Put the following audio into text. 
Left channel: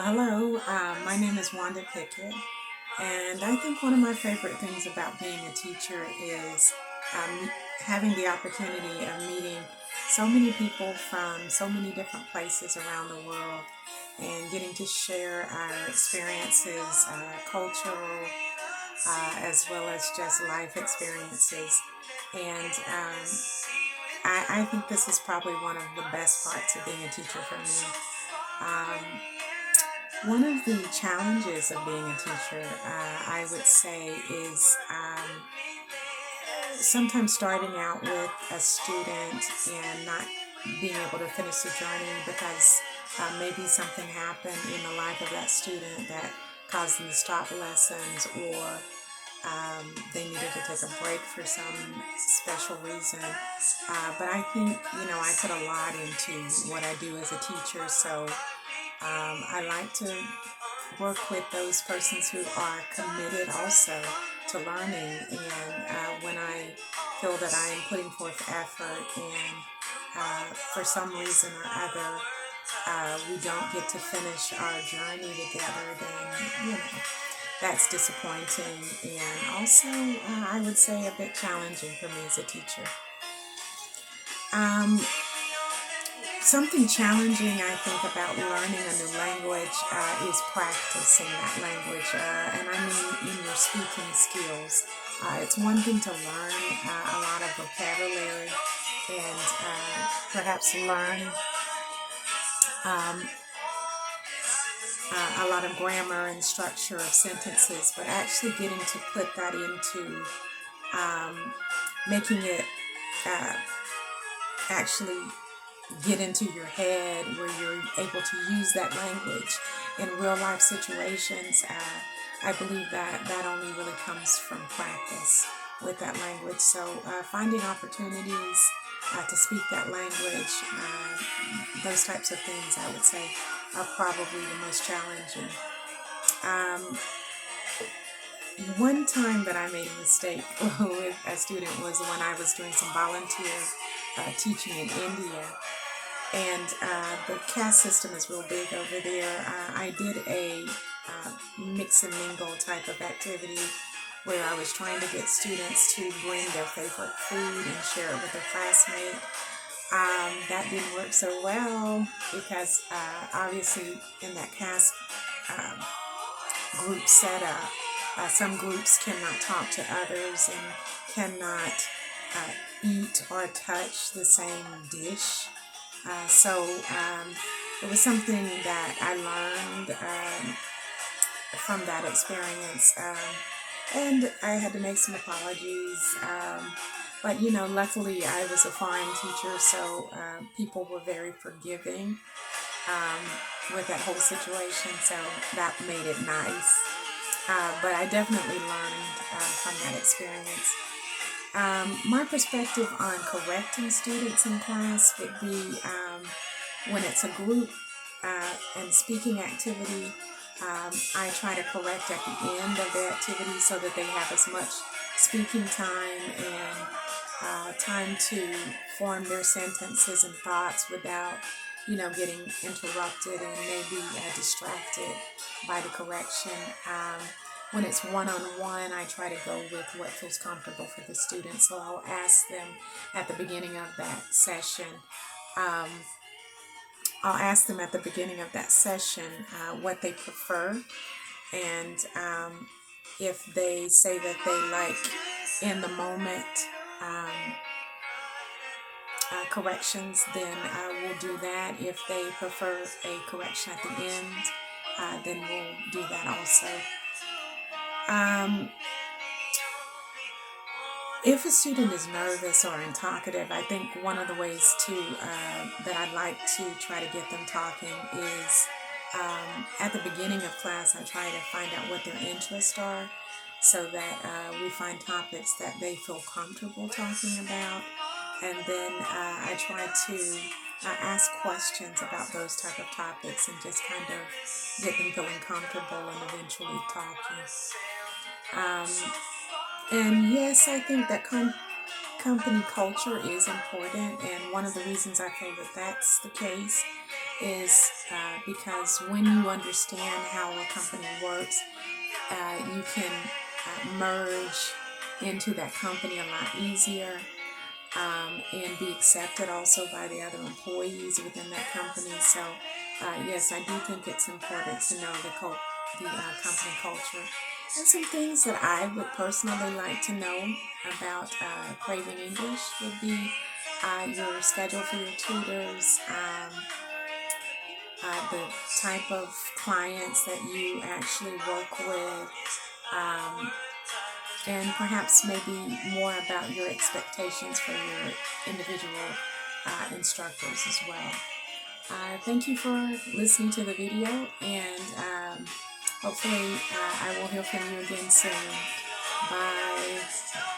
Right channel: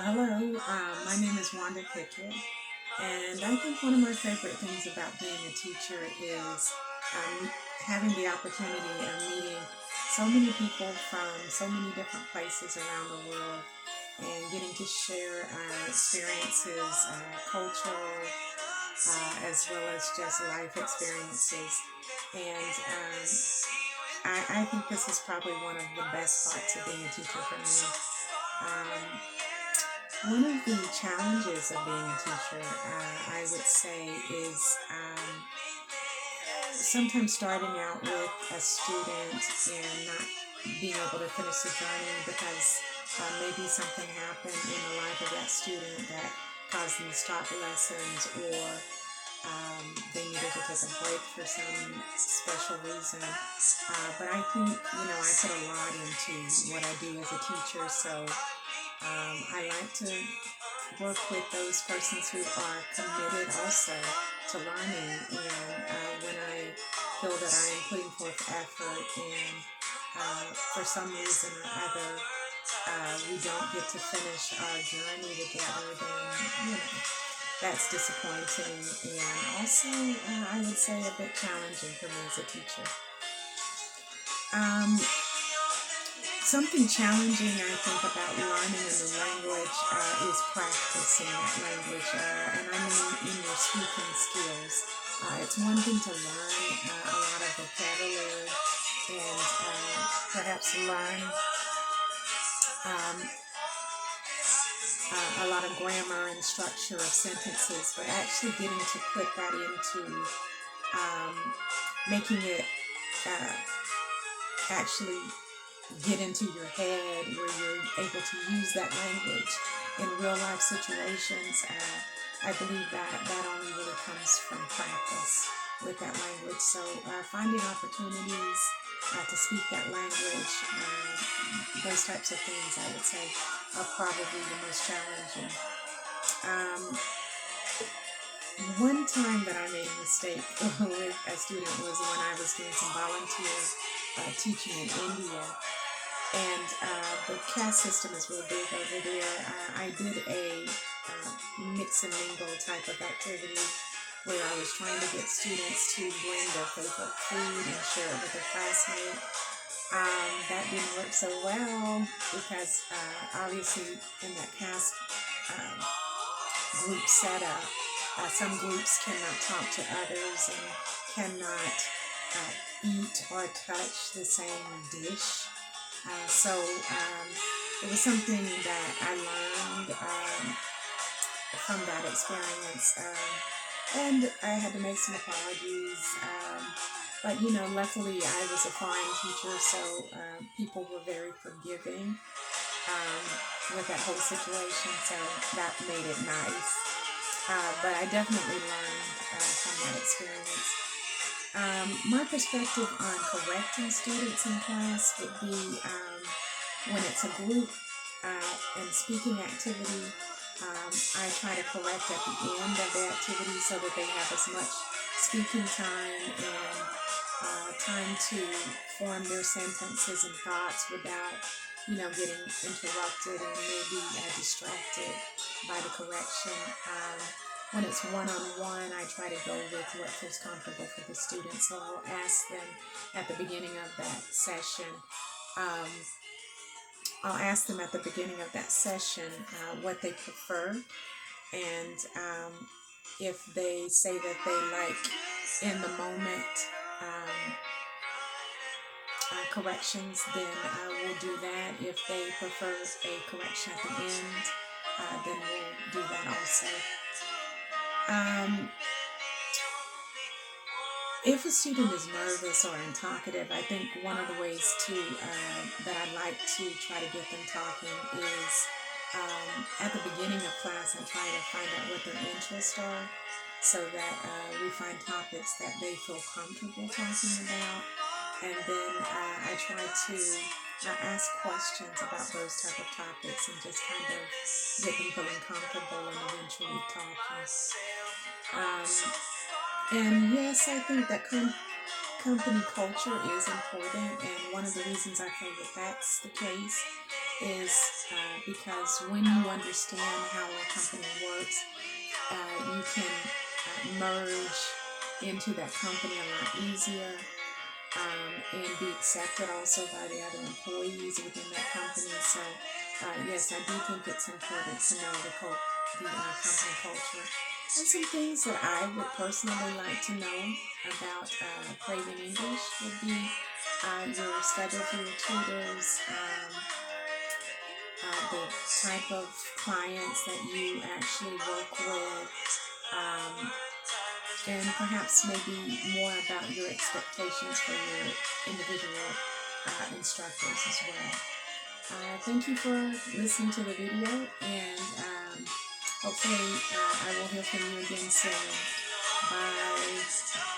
Hello, my name is Wanda Pickett, and I think one of my favorite things about being a teacher is having the opportunity of meeting so many people from so many different places around the world and getting to share our experiences, cultural, as well as just life experiences. And I think this is probably one of the best parts of being a teacher for me. Um, One of the challenges of being a teacher, I would say, is sometimes starting out with a student and not being able to finish the journey because maybe something happened in the life of that student that caused them to stop lessons, or they needed to take a break for some special reason. But I think, I put a lot into what I do as a teacher, so I like to work with those persons who are committed also to learning. And when I feel that I am putting forth effort and for some reason or other we don't get to finish our journey together, then, that's disappointing and also, I would say, a bit challenging for me as a teacher. Um, Something challenging, I think, about learning a new language is practicing that language, and I mean in your speaking skills. It's one thing to learn a lot of vocabulary and perhaps learn um, a lot of grammar and structure of sentences, but actually getting to put that into um, making it uh, actually get into your head where you're able to use that language in real life situations. I believe that that only really comes from practice with that language. So finding opportunities to speak that language, those types of things, I would say, are probably the most challenging. Um, One time that I made a mistake with a student was when I was doing some volunteer teaching in India, and the caste system is real big over there. I did a mix and mingle type of activity where I was trying to get students to bring their favorite food and share it with their classmate. That didn't work so well because obviously in that caste um, group setup, some groups cannot talk to others and cannot eat or touch the same dish. So it was something that I learned from that experience. And I had to make some apologies. But luckily I was a foreign teacher, so people were very forgiving with that whole situation. So that made it nice. But I definitely learned from that experience. My perspective on correcting students in class would be when it's a group and speaking activity, I try to correct at the end of the activity so that they have as much speaking time and time to form their sentences and thoughts without, getting interrupted and maybe distracted by the correction. When it's one on one, I try to go with what feels comfortable for the student. So I'll ask them at the beginning of that session. Um, I'll ask them at the beginning of that session what they prefer, and if they say that they like in the moment um, corrections, then we'll do that. If they prefer a correction at the end, then we'll do that also. Um, if a student is nervous or untalkative, I think one of the ways to that I like to try to get them talking is at the beginning of class. I try to find out what their interests are, so that we find topics that they feel comfortable talking about, and then I try to ask questions about those type of topics and just kind of get them feeling comfortable and eventually talking. Um, and yes, I think that company culture is important, and one of the reasons I feel that that's the case is because when you understand how a company works, you can merge into that company a lot easier, and be accepted also by the other employees within that company. So, yes, I do think it's important to know the company culture. And some things that I would personally like to know about Craving English would be your schedule for your tutors, the type of clients that you actually work with, um, and perhaps maybe more about your expectations for your individual instructors as well. Thank you for listening to the video, and hopefully I will hear from you again soon. Bye.